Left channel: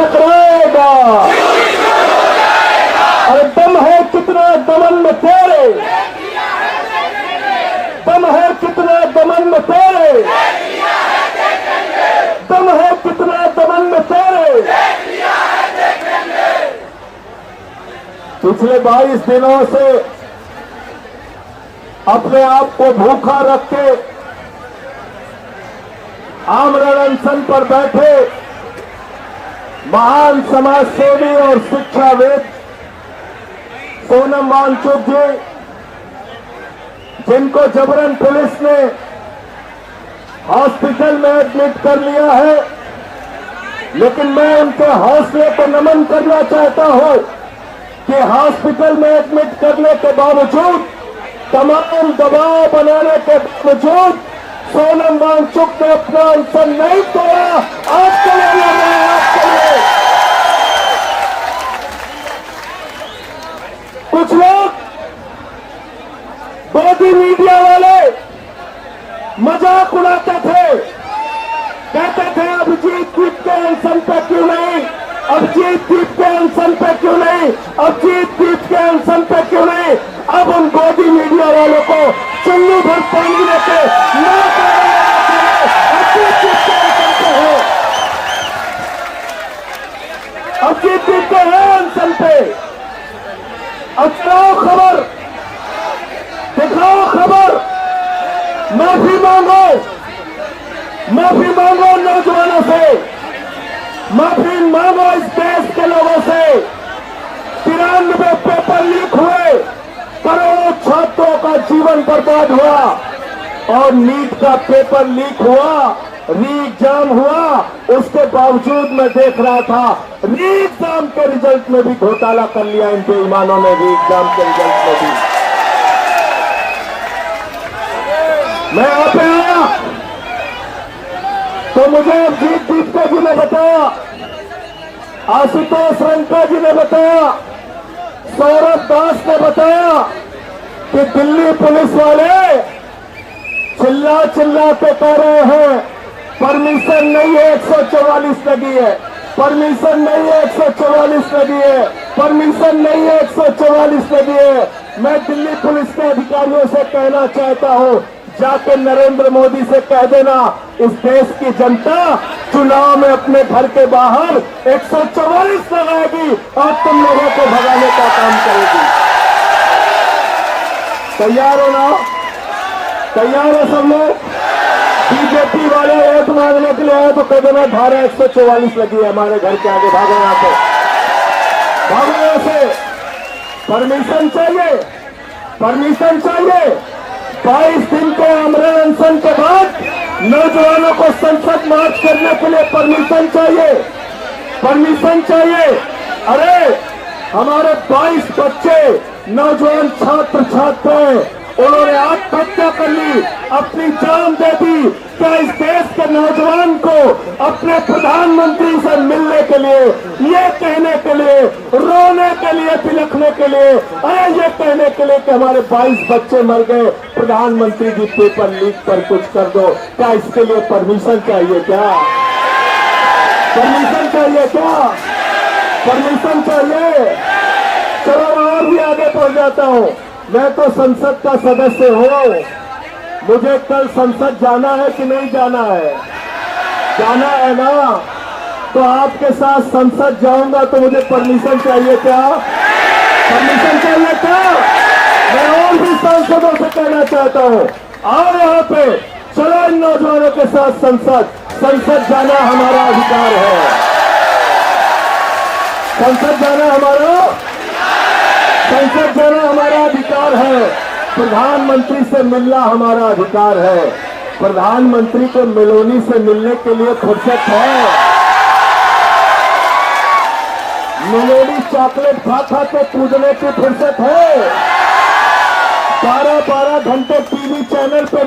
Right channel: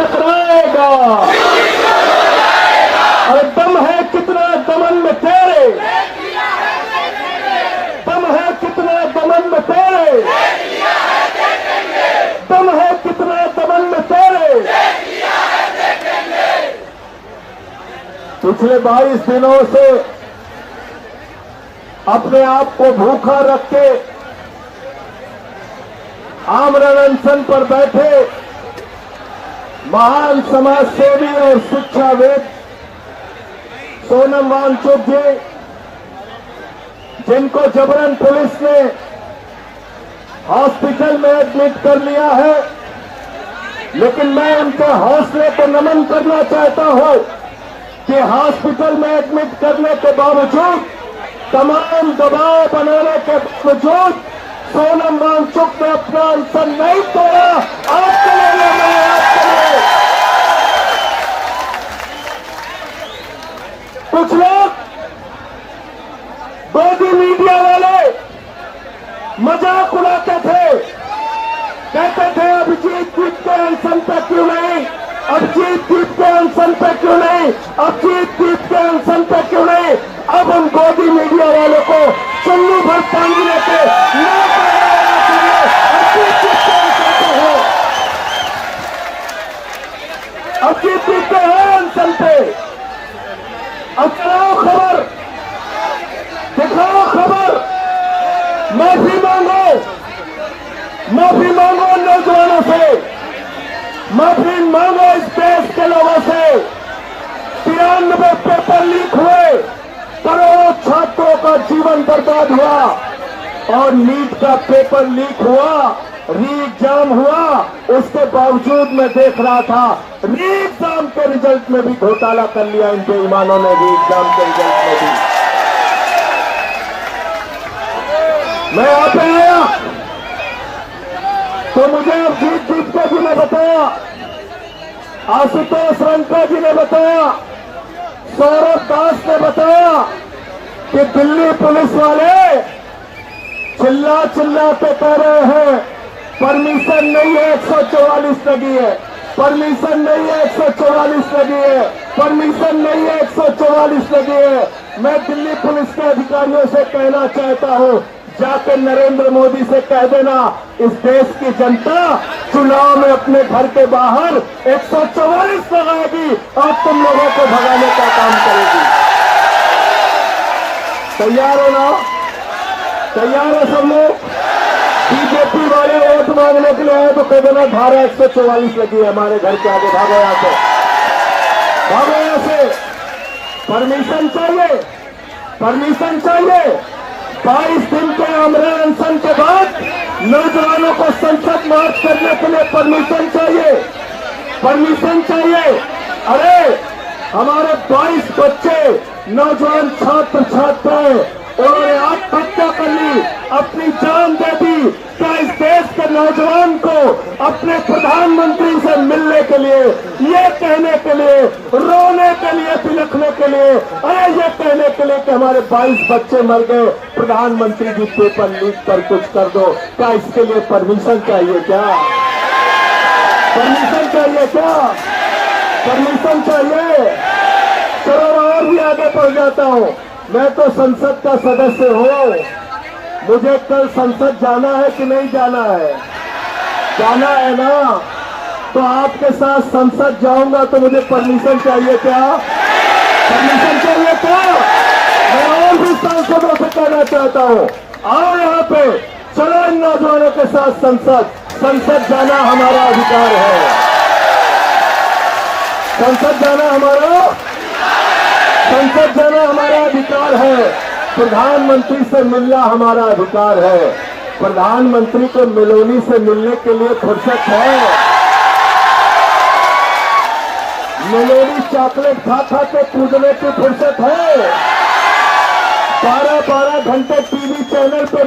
टकराएगा। अरे दम है कितना दमन में तेरे, दम है कितना दमन में तेरे, दम है कितना दमन में तेरे। पिछले 22 दिनों से अपने आप को भूखा रख के आमरण अनशन पर बैठे महान समाज सेवी और शिक्षाविद सोनम वांगचुक जी, जिनको जबरन पुलिस ने हॉस्पिटल में एडमिट कर लिया है, लेकिन मैं उनके हौसले को नमन करना चाहता हूं कि हॉस्पिटल में एडमिट करने के बावजूद, तमाम दबाव बनाने के बावजूद सोनम वांगचुक ने अपना अनशन नहीं तोड़ा। आपके लिए मैं आपके लिए कुछ लोग गोदी मीडिया वाले मजाक उड़ाते थे, कहते थे अभिजीत दीप के अनशन पे क्यों नहीं, अभिजीत दीप के अनशन पे क्यों नहीं, अभिजीत दीप के अनशन पे क्यों नहीं। अब हम गोदी मीडिया वालों को चुन्नी भर पानी लेके अभिजीत दीप के अनशन पे हो, अभिजीत दीप के है अनशन पे। अब चलाओ खबर, दिखाओ खबर, माफी मांगो, माफी मांगो नौजवानों से, माफी मांगो इस देश के लोगों से। 93 पेपर लीक हुए, करोड़ों छात्रों का जीवन बर्बाद हुआ, और नीट का पेपर लीक हुआ, री एग्जाम हुआ, उसके बावजूद मैं देख रहा था री एग्जाम के रिजल्ट में भी घोटाला कर लिया इन बेईमानों ने, री एग्जाम के रिजल्ट में भी। मैं यहाँ पे आया तो मुझे अभिजीत दीपका जी ने बताया, आशुतोष रंका जी ने बताया, सौरभ दास ने बताया कि दिल्ली पुलिस वाले चिल्ला चिल्ला के कह रहे हैं परमिशन नहीं है, 144 लगी है, परमिशन नहीं है, 144 लगी है, परमिशन नहीं है, 144 लगी है। मैं दिल्ली पुलिस के अधिकारियों से कहना चाहता हूं, जाकर नरेंद्र मोदी से कह देना, इस देश की जनता चुनाव में अपने घर के बाहर 144 लगाएगी और तुम लोगों को भगाने का काम करेगी। तैयार हो ना? तैयार हो सब लोग? बीजेपी वाले वोट मांगने के लिए आए तो कह देना धारा 144 लगी है हमारे घर के आगे, भागो यहाँ से, भागो यहाँ से। परमिशन चाहिए, परमिशन चाहिए। 22 दिन के आमरण अनशन के बाद नौजवानों को संसद मार्च करने के लिए परमिशन चाहिए, परमिशन चाहिए। अरे हमारे 22 बच्चे नौजवान छात्र छात्राएं, उन्होंने आत्महत्या कर ली, अपनी जान दे दी। क्या इस देश के नौजवान को अपने प्रधानमंत्री से मिलने के लिए, ये कहने के लिए, रोने के लिए, बिलखने के लिए, अरे ये कहने के लिए कि हमारे 22 बच्चे मर गए, प्रधानमंत्री जी पेपर लीक कर कुछ कर दो, क्या इसके लिए परमिशन चाहिए? क्या परमिशन चाहिए? क्या परमिशन चाहिए? चलो और भी आगे बढ़ जाता हूँ। मैं तो संसद का सदस्य हूँ, मुझे कल संसद जाना है कि नहीं जाना है? जाना है ना? तो आपके साथ संसद जाऊंगा तो मुझे परमिशन चाहिए क्या? परमिशन चाहिए क्या? मैं और भी सांसदों से कहना चाहता हूँ, आओ यहाँ पे, चलो इन नौजवानों के साथ संसद, संसद जाना हमारा अधिकार है, संसद जाना हमारा, संसद जाना हमारा अधिकार है। प्रधानमंत्री से मिलना हमारा अधिकार है। प्रधानमंत्री को मेलोनी से मिलने के लिए फुर्सत है? मेलोनी चॉकलेट खा खा के कूदने की फुर्सत है? 12-12 घंटे टीवी चैनल पे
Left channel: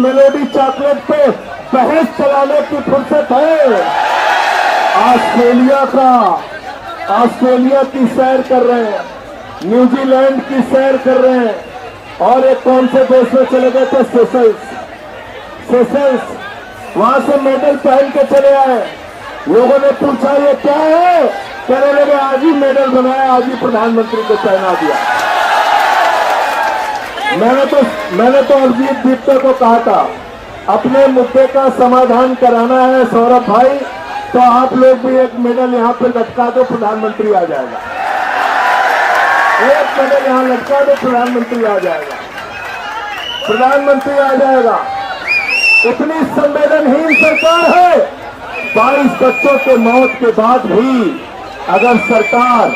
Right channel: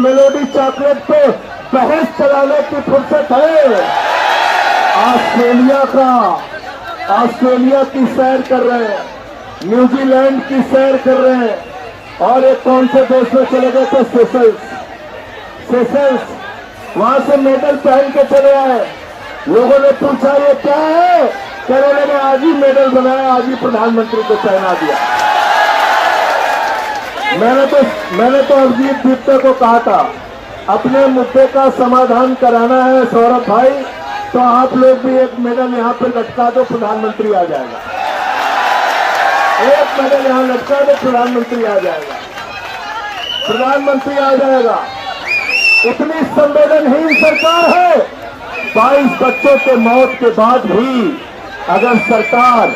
मेलोडी चॉकलेट पे बहस चलाने की फुर्सत है? ऑस्ट्रेलिया की सैर कर रहे हैं, न्यूजीलैंड की सैर कर रहे हैं, और एक कौन से देश में चले गए थे? सेशल्स, वहां से मेडल पहन के चले आए। लोगों ने पूछा ये क्या है, कहने लगे आज ही मेडल बनाया, आज ही प्रधानमंत्री को पहना दिया। मैंने तो अभिजीत दीप्ता को कहा था, अपने मुद्दे का समाधान कराना है सौरभ भाई, तो आप लोग भी एक मेडल यहाँ पे लटका दो, प्रधानमंत्री आ जाएगा। एक मेडल यहाँ लटका दो, प्रधानमंत्री आ जाएगा, प्रधानमंत्री आ जाएगा। इतनी संवेदनहीन सरकार है। 22 बच्चों के मौत के बाद भी अगर सरकार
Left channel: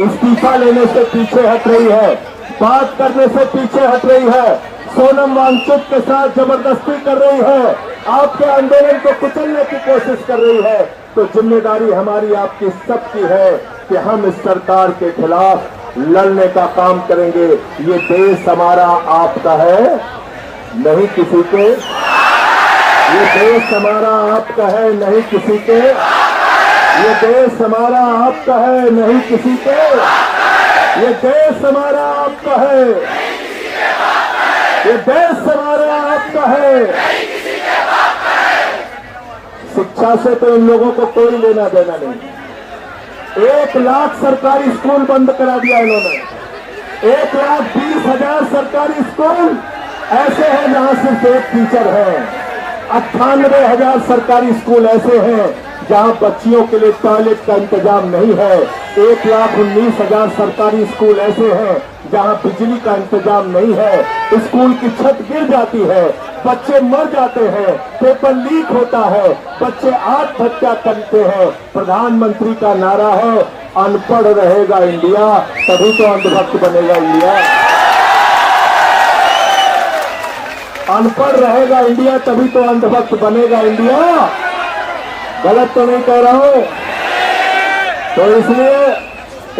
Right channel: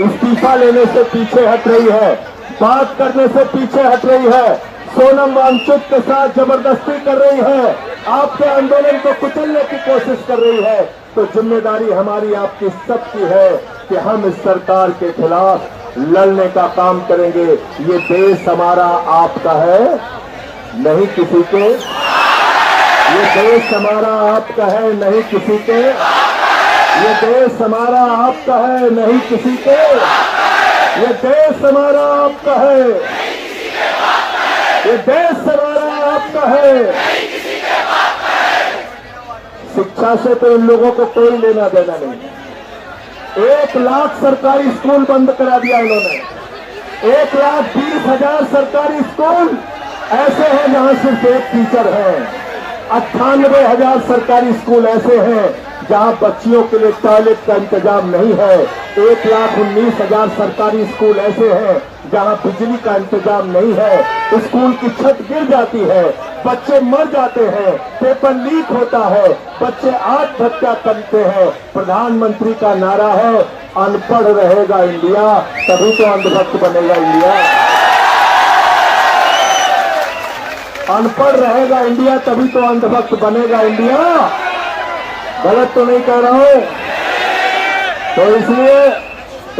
इस्तीफा लेने से पीछे हट रही है, बात करने से पीछे हट रही है, सोनम वांगचुक के साथ जबरदस्ती कर रही है, आपके आंदोलन को कुचलने की कोशिश कर रही है, तो जिम्मेदारी हमारी आपकी सबकी है कि हम इस सरकार के खिलाफ लड़ने का काम करेंगे। ये देश हमारा आपका है, नहीं किसी के। ये देश हमारा आपका है, नहीं किसी के। ये देश हमारा आपका है, नहीं किसी के। ये देश हमारा आपका है, ये देश हमारा आपका है। शिक्षा से तो इन लोगों को कोई लेना देना नहीं। 1 लाख सरकारी स्कूल बंद करा दिया इन्होंने। 1,20,000 सरकारी स्कूल ऐसे हैं जहां सिर्फ एक टीचर है। 98,000 सरकारी स्कूल ऐसे हैं जहां बच्चियों के लिए टॉयलेट का इंतजाम नहीं है। 1,19,000 सरकारी स्कूल ऐसे हैं जहां बिजली का इंतजाम नहीं है। स्कूल की छत गिर जाती है, बच्चे मर जाते हैं, पेपर लीक होता है, बच्चे आत्महत्या करते हैं। प्रधानमंत्री का नारा है, अनपढ़ रहेगा इंडिया, तभी तो अंधभक्त बनेगा इंडिया। अनपढ़ रहेगा इंडिया, तभी तो अंधभक्त बनेगा इंडिया। गलत तो नहीं कह रहा हूं। तो इसलिए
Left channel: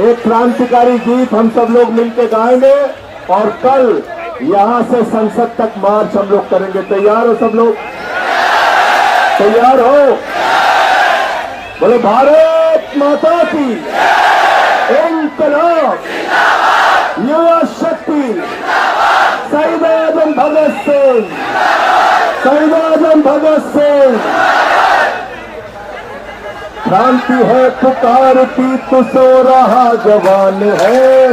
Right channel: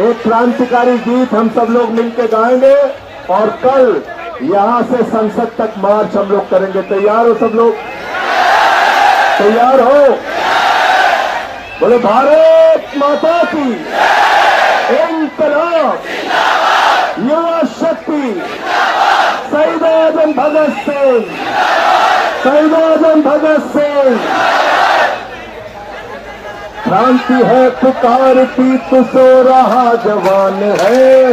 एक क्रांतिकारी गीत हम सब लोग मिलकर गाएंगे और कल यहां से संसद तक मार्च हम लोग करेंगे। तैयार हो सब लोग? तैयार हो? बोले भारत माता की इंकलाब, युवा शक्ति, शहीद आजम भगत सिंह, शहीद आजम भगत सिंह। क्रांति है पुकारती तू सो रहा जवान है।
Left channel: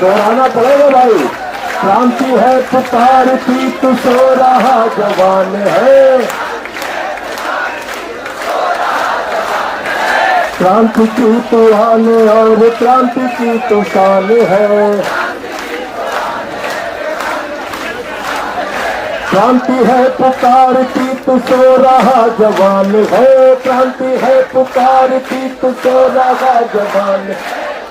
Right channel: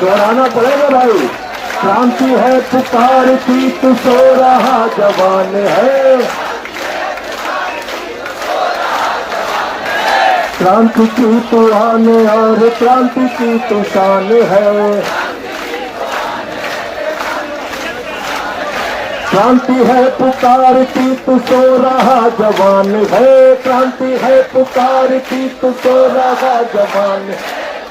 दोहराना पड़ेगा भाई। क्रांति है पुकारती तू सो रहा जवान है। क्रांति की तू आन और क्रांति की तू शान है। क्रांति है पुकारती तू सो रहा जवान है। क्रांति है पुकारती तू सो रहा जवान।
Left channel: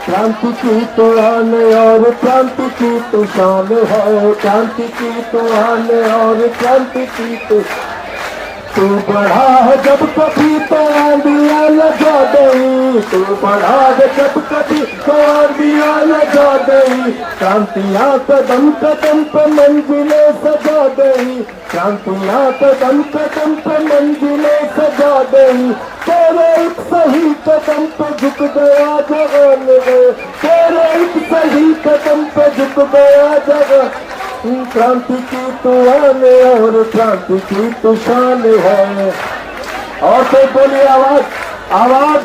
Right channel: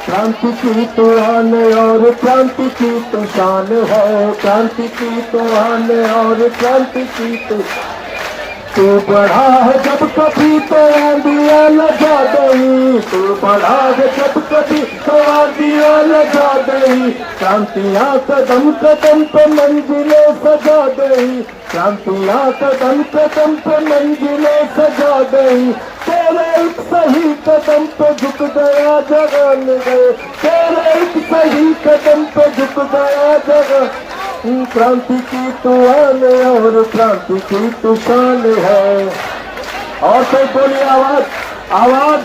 क्रांति की तू आन और क्रांति की तू शान है। क्रांति की तू आन और क्रांति की तू बढ़ा है जब कभी तो आंधिया लगा गई। तू बढ़ा है जब कभी तो आंधिया लगा गई। क्रांतियां कदम कदम पे मंजिलें सजा गई। क्रांतियां कदम कदम पे मंजिलें सजा गई। तेरे एक सही कदम पे झुक गया जवान गए। तेरे एक सही कदम पे झुक गया जवान। क्रांति की तू आन और क्रांति की तू शान है। और तो बोली आवाज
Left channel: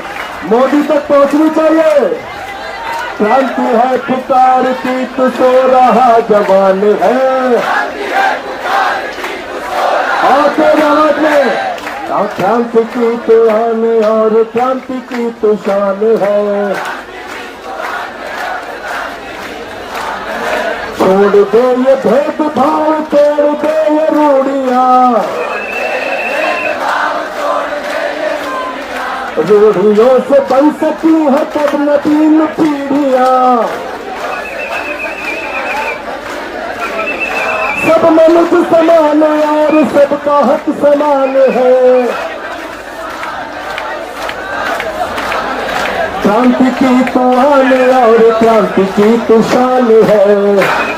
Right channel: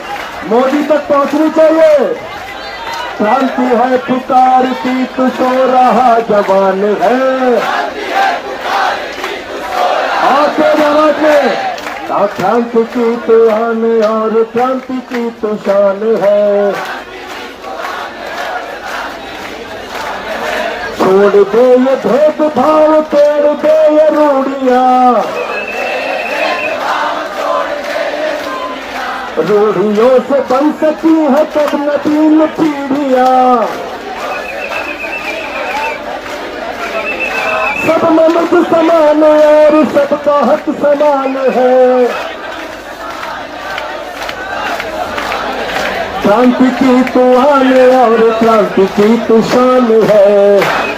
मोदी तक पहुंचनी चाहिए। क्रांति है पुकारती तू सो रहा जवान है। और क्या जवाब में क्रांति की तू आन और क्रांति की तू शान है। छोड़ दे ये भेदभाव, तोड़ दे ये रूढ़ियां। रूढ़ियों से बन सकती है कदमतीन पीढ़ियां। सब मनुष्य समान और सबका हक समान है। क्रांति की तू आन और क्रांति की तू शान है।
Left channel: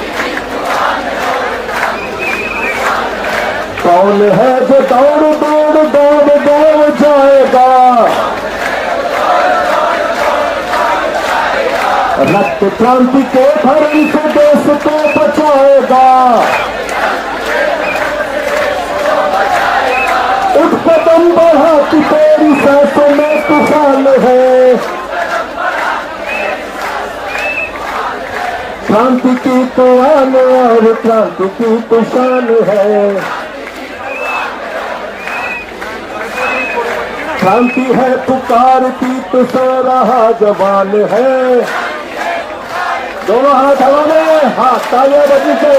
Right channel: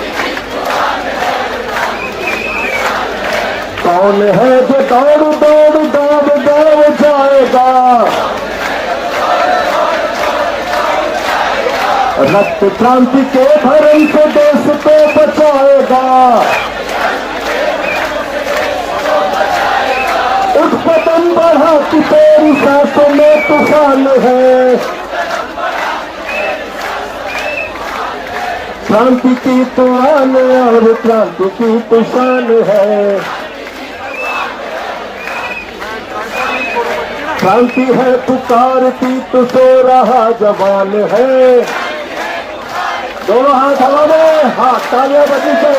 कौन है जो दौड़ दौड़ दौड़ दौड़ जाएगा। रक्त क्रांति के धर्म से देश को बचाएगा। उठ कदम बढ़ा तेरी सांसों में तूफान है, क्रांति की तो आन और क्रांति की तो शान है। क्रांति है पुकारती तो सो रहा जवान है। दोनों हाथ हवा में, हाथ तालियां बजी से।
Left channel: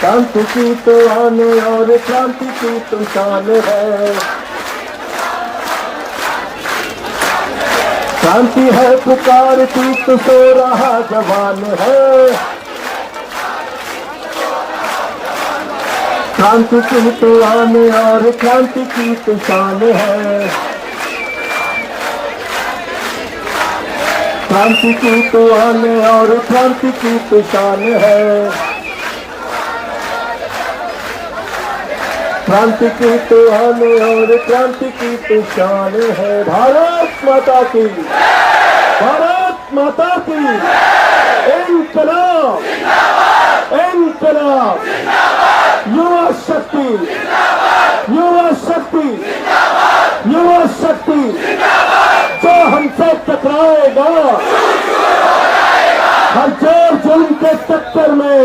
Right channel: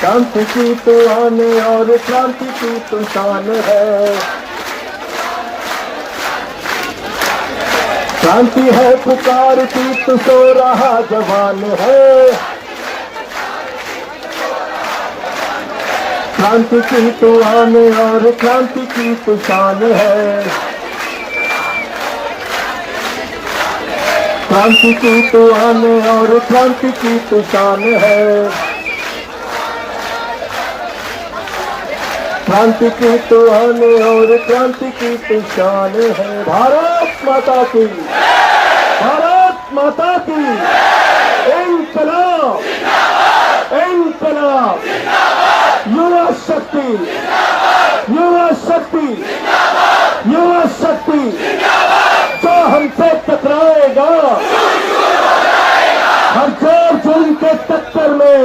क्रांति की तो आन और क्रांति की तो शान है। क्रांति है पुकारती तो सो रहा जवान है। क्रांति की तो आन और क्रांति की तो शान है। क्रांति की तो आन और क्रांति की तो शान है। क्रांति की तो आन और क्रांति की तो शान है। भारत माता की, भारत माता की। इनकलाब, इनकलाब, युवा शक्ति, युवा शक्ति, युवा शक्ति। जो हमसे टकराएगा हर जोर जुल्म के टक्कर में,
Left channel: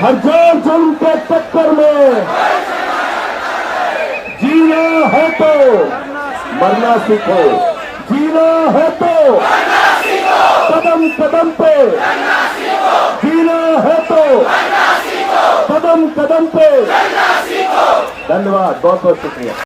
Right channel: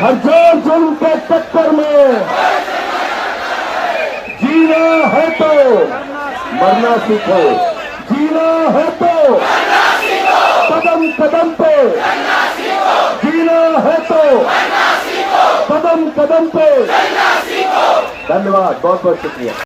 हर जोर जुल्म के टक्कर में जीना है तो मरना सीखो, जीना है तो कदम कदम पे, जीना है तो कदम कदम पे। धन्यवाद, बहुत बहुत शुक्रिया।